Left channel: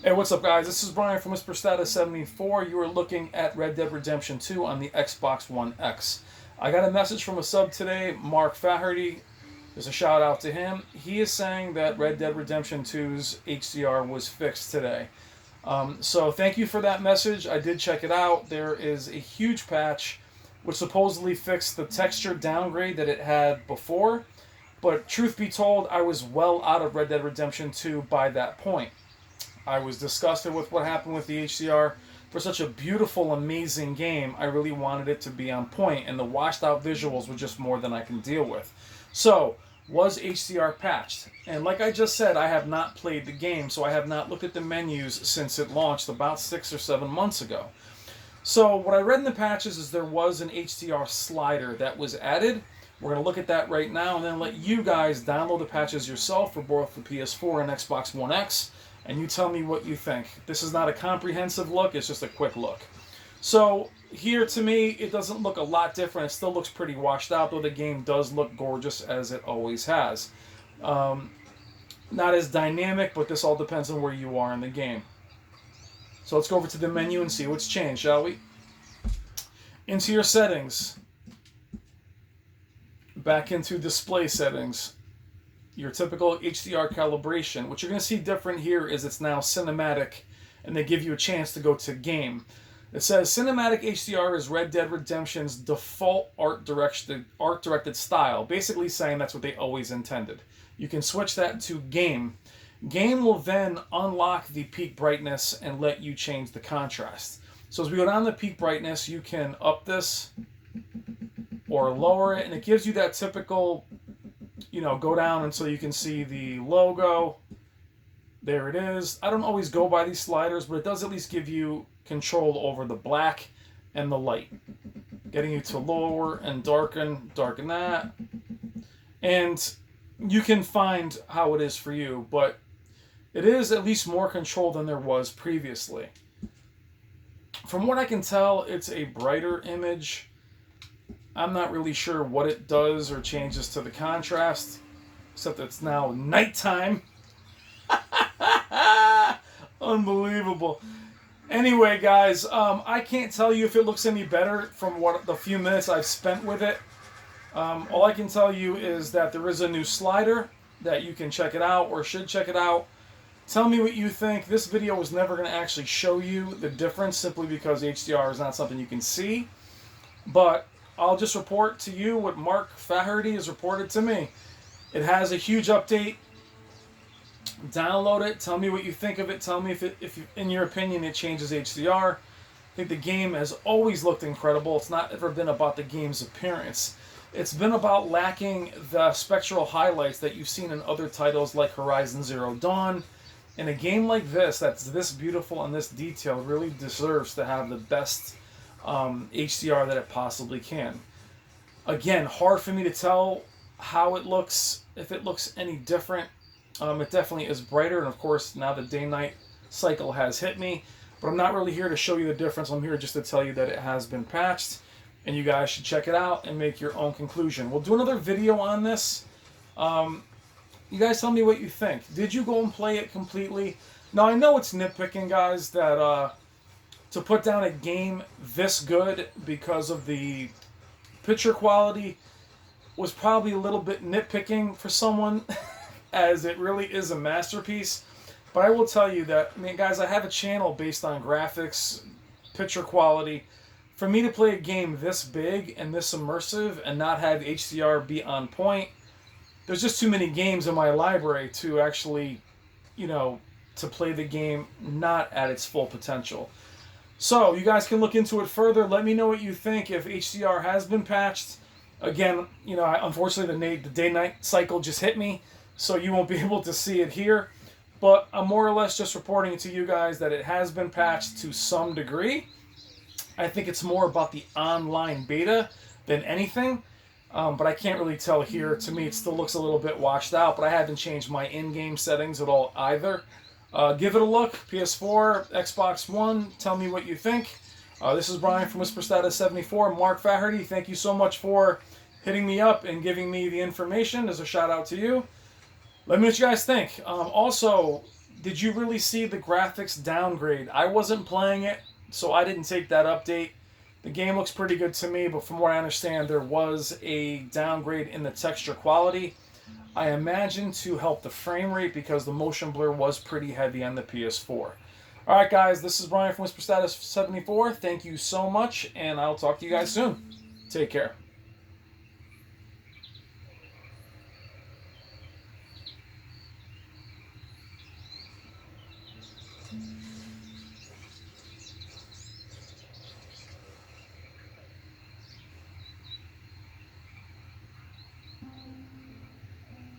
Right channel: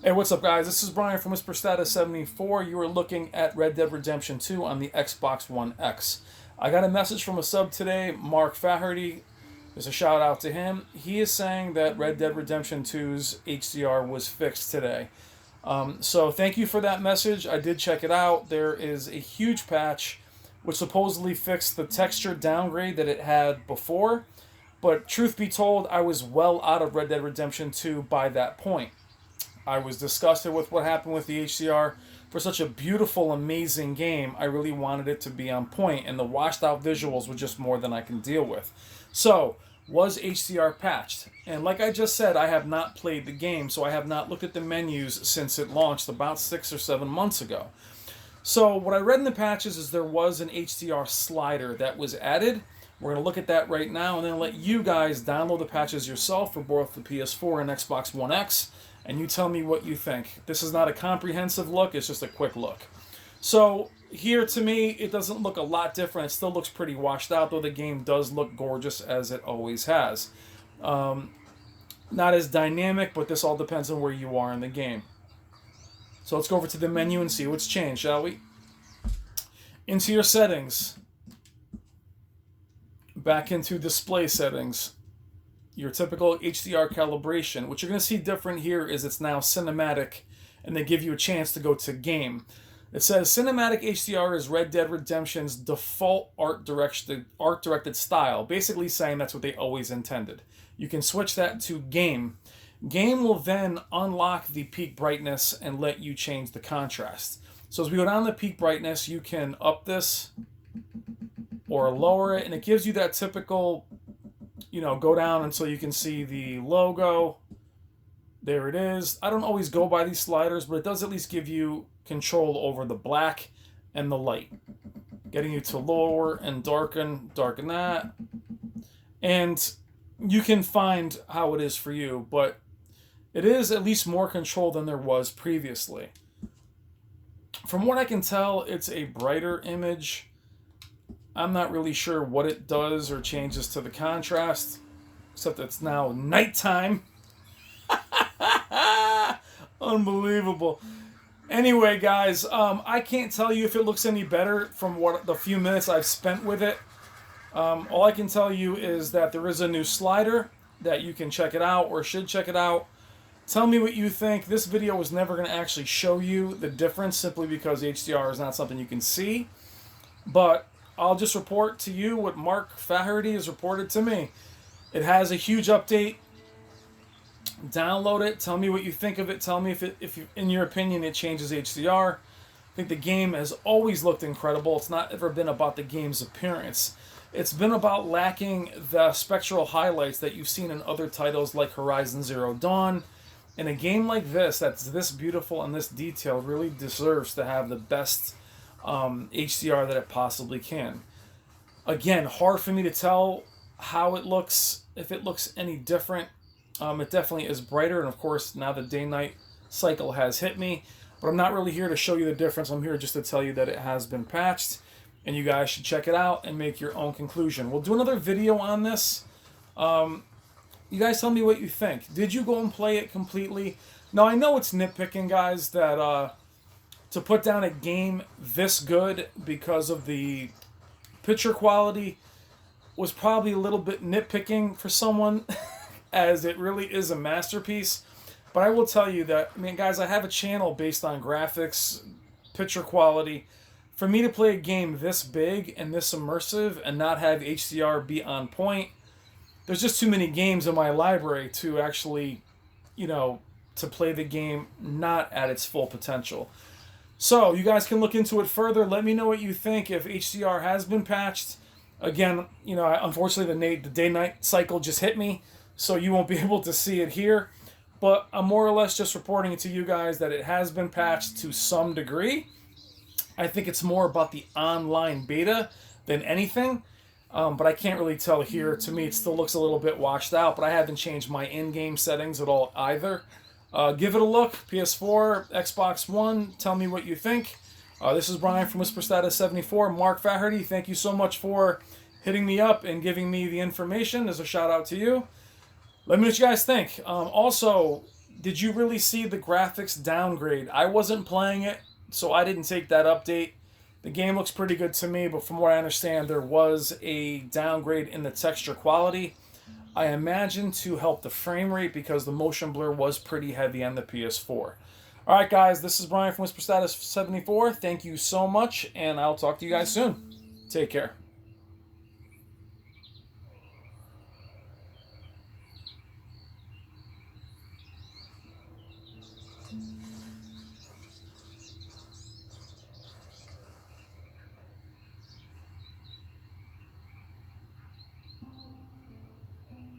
Hey, what's up, guys? This is Brian from Mr. Status 74. You are looking at Red Dead Redemption 2 on the Xbox One X. I got a message from a sub today, Mark Faherty. There's a shout out to him. He is saying that Red Dead Redemption 2's HDR was fixed today. So thank you for that message. I did check it out. There is a huge patch which supposedly fixed the texture downgrade that it had before. But truth be told, I was well out of Red Dead Redemption 2 by that point. I was disgusted with what happened with the HDR. For such a beautiful, amazing game, I really wanted it to be on point, and the washed out visuals were just more than I can deal with. So, was HDR patched? And like I just said, I have not played the game, so I have not looked at the menus since it launched about 6 or 7 months ago. So, what I read in the patches is there was an HDR slider that was added. We're going to look at that right now and then let you guys download the patches yourself for both the PS4 and Xbox One X, and you tell me what you think. This is not a comprehensive look, it's just a quick look. So, here to me, it doesn't look a lot different. It still looks pretty washed out, though the game does look gorgeous as it always has. Not as dynamic, but this all depends on where you are in the game. So let's go over to the menu and see what's changed, shall we? Into your settings. Back into display settings. Your typical HDR calibration. What you're going to see different here is it's now cinematic, and they give you a chance to go to game. It says cinematic HDR is Red Dead Redemption's default art directed style, basically saying that's what they always intended. You can switch that to game. Game will then unlock the peak brightness and let you change the contrast. So as we go down the peak brightness, you can up this or lower it, and it gives you that typical, go down until you can see the logo. There it is. I don't always go by these sliders, but it does at least give you control over the black and the light. Getting you to lower and darken that. And you can find how it is for you, but it is at least more control than there was previously. From what I can tell, it's a brighter image. I'm not really sure what it does or changes to the contrast, except it's now nighttime. Unbelievable. Anyway, guys, I can't tell you if it looks any better from what the few minutes I've spent with it. All I can tell you is that there is a new slider that you can check it out or should check it out. Tell me what you think. This video was never going to actually show you the difference simply because HDR is not something you can see. But I'll just report to you what Mark Faherty has reported to me. It has a huge update. Download it. Tell me what you think of it. Tell me if in your opinion, it changes HDR. I think the game has always looked incredible. It's not ever been about the game's appearance. It's been about lacking the spectral highlights that you've seen in other titles like Horizon Zero Dawn. And a game like this, that's this beautiful and this detailed, really deserves to have the best HDR that it possibly can. Again, hard for me to tell how it looks, if it looks any different. It definitely is brighter, and of course, now the day-night cycle has hit me. But I'm not really here to show you the difference. I'm here just to tell you that it has been patched, and you guys should check it out and make your own conclusion. We'll do another video on this. You guys tell me what you think. Did you go and play it completely? Now, I know it's nitpicking, guys, that to put down a game this good because of the picture quality was probably a little bit nitpicking for someone, as it really is a masterpiece. But I will tell you that, guys, I have a channel based on graphics, picture quality. For me to play a game this big and this immersive and not have HDR be on point, there's just too many games in my library to actually, to play the game not at its full potential. So, you guys can look into it further. Let me know what you think if HDR has been patched. Again, unfortunately, the day-night cycle just hit me, so you won't be able to see it here. But I'm more or less just reporting it to you guys that it has been patched to some degree. I think it's more about the online beta than anything. But I can't really tell here. To me, it still looks a little bit washed out, but I haven't changed my in-game settings at all either. Give it a look. PS4, Xbox One. Tell me what you think. This is Brian from Whisper Status 74. Mark Faherty, thank you so much for hitting me up and giving me the information. As a shout out to you. Let me know what you guys think. Also, Did you really see the graphics downgrade? I wasn't playing it, so I didn't take that update. The game looks pretty good to me, but from what I understand, there was a downgrade in the texture quality. I imagine to help the frame rate because the motion blur was pretty heavy on the PS4. All right, guys, this is Brian from Whisper Status 74. Thank you so much, and I'll talk to you guys soon. Take care.